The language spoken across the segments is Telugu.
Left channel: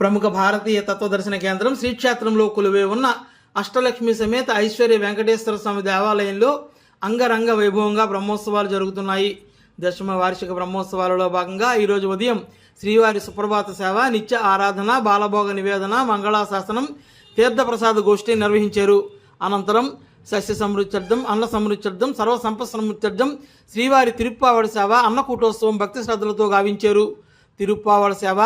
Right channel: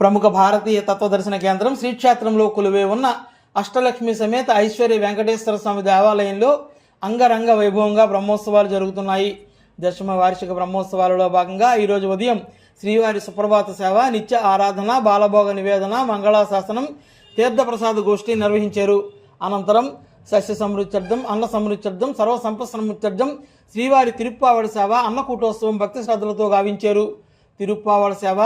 ప్రముఖ భారతీయ తత్వదర్శన కేంద్రం శ్రీక్షేత్రంలో కొలువే ఉన్న అష్టలక్ష్మి సమేత ఐశ్వర్య వెంకటేశ్వర స్వామి దేవాలయంలో అంగరంగ వైభవంగా బ్రహ్మోత్సవాలు జరుగుతున్నాయి. దశమ వార్షిక బ్రహ్మోత్సవాలలో భాగంగా ఈరోజు ఉదయం శ్రీవారి సుప్రభాత సేవ నిత్య ఆరాధన బాలభోగ నివేదన మంగళాశాసనం తీర్థప్రసాద గోష్ఠి నిర్వహించారు. అనంతరం సస్య సమృత్యర్థం అన్న సమృత్యర్థం సర్వ సంపద శ్రీవారి తిరుప్పావడి సేవ అన్నకూటోత్సవం భక్తి శ్రద్ధలతో గావించారు. తిరుప్పావడ సేవ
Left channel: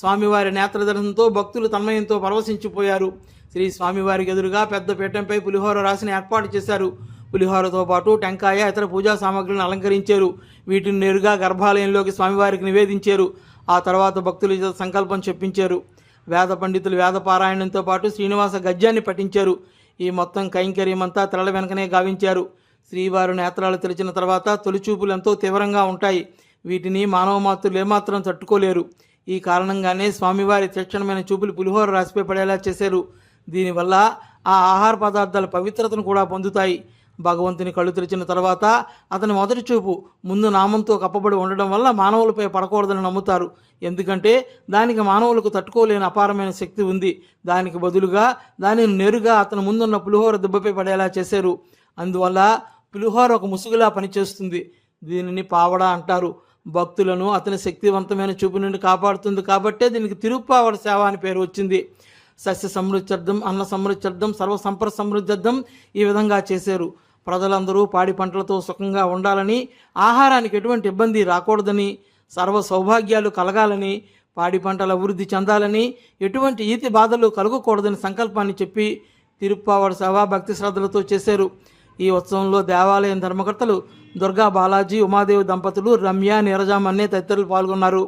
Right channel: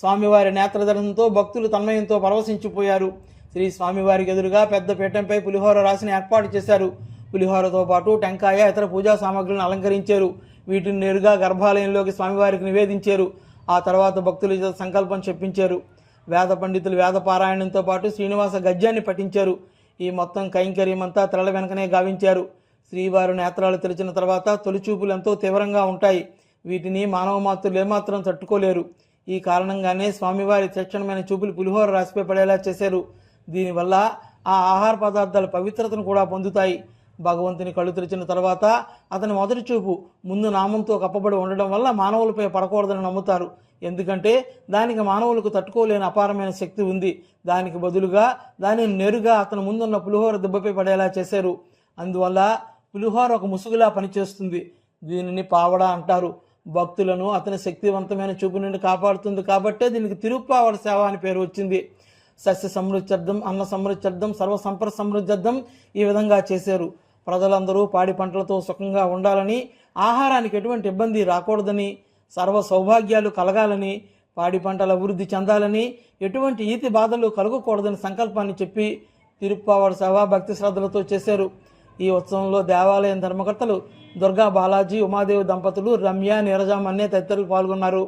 స్వామివారి నేత్రదర్శనంతో భక్తులు తన్మయంతో పరవశించిపోయారు. శ్రీ స్వామివారికి ఎదురుగా పెద్ద పీఠంపై పులిహోర రాసిన ఏర్పాటు చేశారు. పులిహోరతో పాటు టెంకాయ ఇతర పూజా సామాగ్రిని అలంకరించారు. వీటిని నేరుగా గర్భాలయంలోకి స్వామివారికి నివేదించారు. ఆ తర్వాత భక్తులు సంకల్పం చెప్పించారు. వేద పండితులు వేద పారాయణంతో పాటు శ్రీనివాస గద్యాన్ని పఠించారు. ఈ మొత్తం కైంకర్యమంతా తెరల వెనకనే గావించారు. శ్రీవారు నేత్రాలు తెరిచిన తర్వాత తొలిచూపులు ఎంతో తీవ్రంగా ఉంటాయి. వీటిని మానవ మాతృలు ఏమాత్రం తట్టుకోలేరు. ఈ కారణంగానే స్వామివారి తక్షణమైన చూపులు పులిహోర రాసిపై పడేలా చేశారు. దీనివల్ల ఆ ఆహార పదార్థాల పవిత్రతను కూడా పొందుతాయి. భగవంతుని కళ్ళు తెరిచిన తర్వాత అతని మొదటి చూపు ముందు నామంతో కప్పబడి ఉండడం వల్ల మానవులపై పడకూడదని నమ్ముతారు. ఎందుకంటే దానికి మానవులకు తట్టుకోలేని అపారమైన శక్తి ఉంది. దానికి బదులుగా దానిని నేరుగా అతని ముందున్న పులిహోర దెబ్బపై పడేలా చేశారు. అందువల్ల పులిహోర ఒక ముసుగులా పనిచేస్తుంది. దీనిని పావడ అంటారు. భక్తులను అతని శక్తివంతమైన చూపు నుండి కాపాడుతుంది. కాబట్టే దీనికి తిరుప్పావడ సేవ అని పేరు వచ్చింది. సస్య సమృద్ధ్యర్థం అన్న సమృద్ధ్యర్థం సర్వ సంపద సమృద్ధ్యర్థం ఈ విధంగా చేశారు. ప్రజలందరూ పాడి పంటలతో సుఖంగా ఉండాలని ఆహారానికి ఎటువంటి ఇబ్బంది రాకూడదని సర్వ సౌభాగ్యాలు కలగాలని పాడి పంటల అభివృద్ధి చెందాలని ఎటువంటి ఈతి బాధలు కలగకూడదని సంకల్పాన్ని చెప్పి తిరుప్పావడ సేవ భక్తి శ్రద్ధలతో చేశారు. ఈ ఉత్సవంలో దేవాలయం ధర్మకర్తలు దుర్గా బాలాజీ ఉమాదేవి దంపతులు రమ్య నీరజామన్నే తదితరులు పాల్గొన్నారు.